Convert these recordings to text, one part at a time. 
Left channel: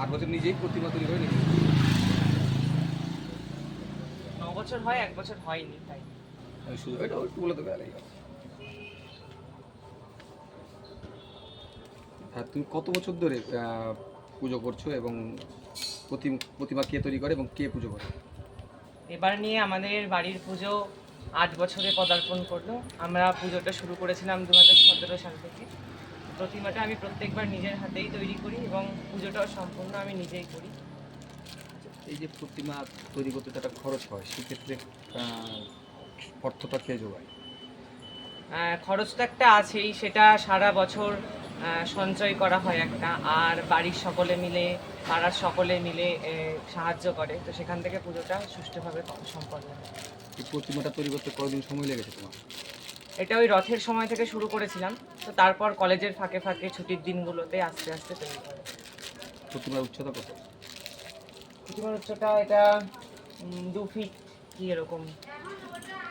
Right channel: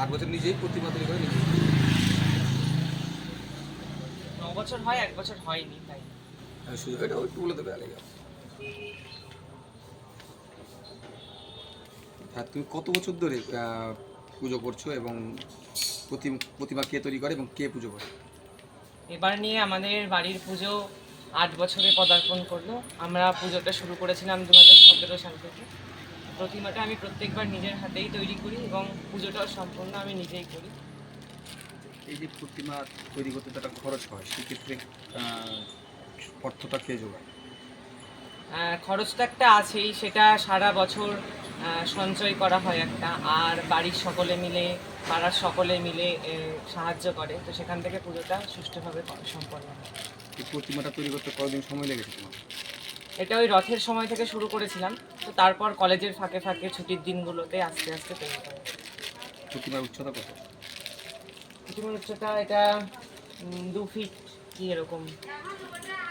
আট বছর নিজেই প্রতিমা তৈরি করে নিজেই ন বছর হয় এক বছর হয়নি তাই শুধু এটা একটু বলে দেবে আলাই হ্যাঁ তুমি কত বছর ধরে পুজো করছ এবং প্রতি- প্রতিমা কে তৈরি করে এবং কে পুজো করে? এবার নিয়ে আমাদের বাড়ির পুজো আট বছরে পদার্পণ করল। আমরা পুজোটা শুরু করেছিলাম দু হাজার সতেরো সাল থেকে। প্রতিমাটা আমি প্রত্যেকবার নিজের হাতেই তৈরি করি এবং পুজোটাও সম্পূর্ণ আমি নিজেই করি। এই যে প্রতিমা তৈরি করতে তো একটা খরচ হয় সেক্ষেত্রে অর্থটা কে যোগায় আহ, খরচ তো একটা আছেই সেটা সারা বছর সঞ্চয় করা হয় একটা আর বাড়ির সকলে মিলে পাড়ার সকলে মিলে সাহায্য করে তো সেখান থেকে পুজোটা সুষ্ঠুভাবে সম্পন্ন হয়। এই প্রতিমাটা তৈরি করতে কতদিন সময় লেগেছে তোমার? এটা ওই রথের সময় থেকে শুরু করেছিলাম। তো তারপর কলেজের ফাঁকে ফাঁকে ছুটির দিনগুলোতে আস্তে আস্তে তৈরি করে। প্রতিমার উচ্চতা কত? প্রতিমার উচ্চতা এটা দু ফিট কি এরকম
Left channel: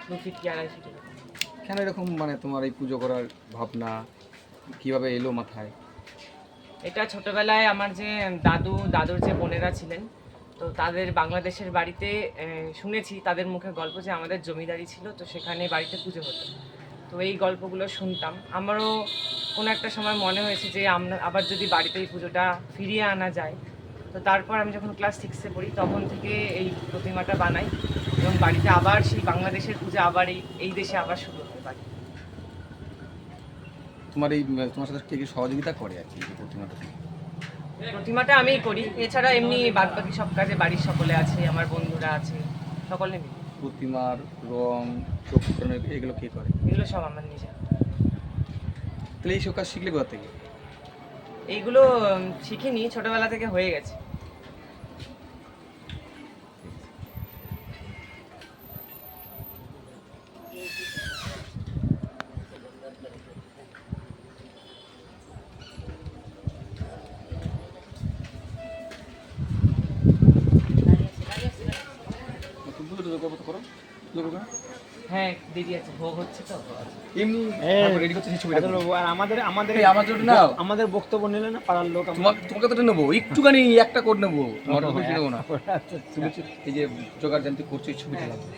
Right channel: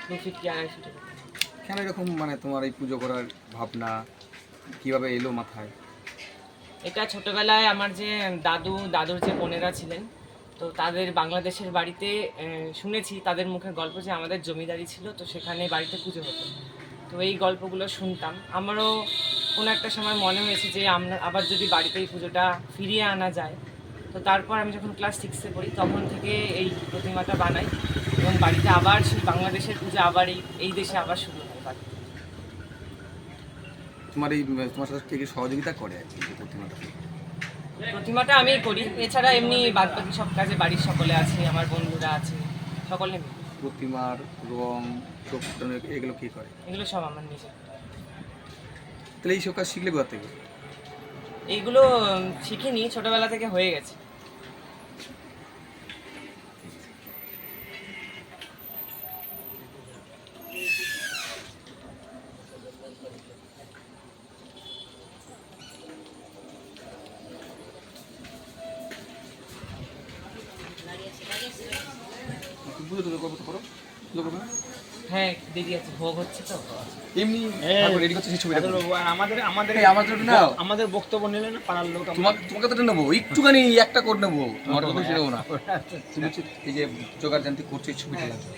দু ফিট কি আড়াই ফিট এরকম। কেন এরকম মানে তোমার এই পুজো করার ভাবনা কীভাবে এলো মাথায়? এটা ছোটবেলায় আমার যে দাদু দাদুর যে বোনেরা ছিলেন তো তাদের বাংলাদেশের বাড়িতে শুনেছি তাদের মুখে গল্প যে আমাদের জমিদারি ছিল তো সেখানে বাড়িতে পুজো হতো। তো এই গল্পগুলো শুনতাম। আমারও কোনো একটা সময় মনে হয়েছে যে আমরা আবার যদি বাড়িতে এই পুজোটা ফিরিয়ে আনা যায়। তো তারপর আমি যখন ক্লাস সিক্সে পড়ি তখন থেকে এই প্রতিমাটা বানাই এবং বাড়িতে আবার সেই বাংলাদেশের পুজো আবার এই এই দেশে আবার শুরু হয় বাড়ি। তোমার এই তোমার সাথে কে কে সহযোগিতা করে আর কি প্রতিমাটা? প্রতিমাটা আমিই করি। এছাড়া এমনি বাদ বাকি সব কাজে বাড়ির সকলে আছে আমার বন্ধুরা আছে সকলে মিলে। প্রতিমার রং চোখ এগুলো কে করে? এগুলো সব আমার নিজের। তাহলে এইসব কাজ শিখলে কোথা থেকে? এইগুলো শিখিনি ছোটবেলা থেকে হয়ে গেছে। করো। হ্যাঁ দেরি আছে ভোগ হচ্ছে তো। এমনি রেডি করতে সেই ছবিটা আমাদের আমাদের আমার জন্য নাও। আমাদের বক্তব্য নিলে না পাড়ার লোক তোমাকে তো নেব একটুখানি একটা করে নেব। তোমার তো সেটাও না। তুমি এই যে জোগাড় জানতে করছ এই ছবিটা লাগবে।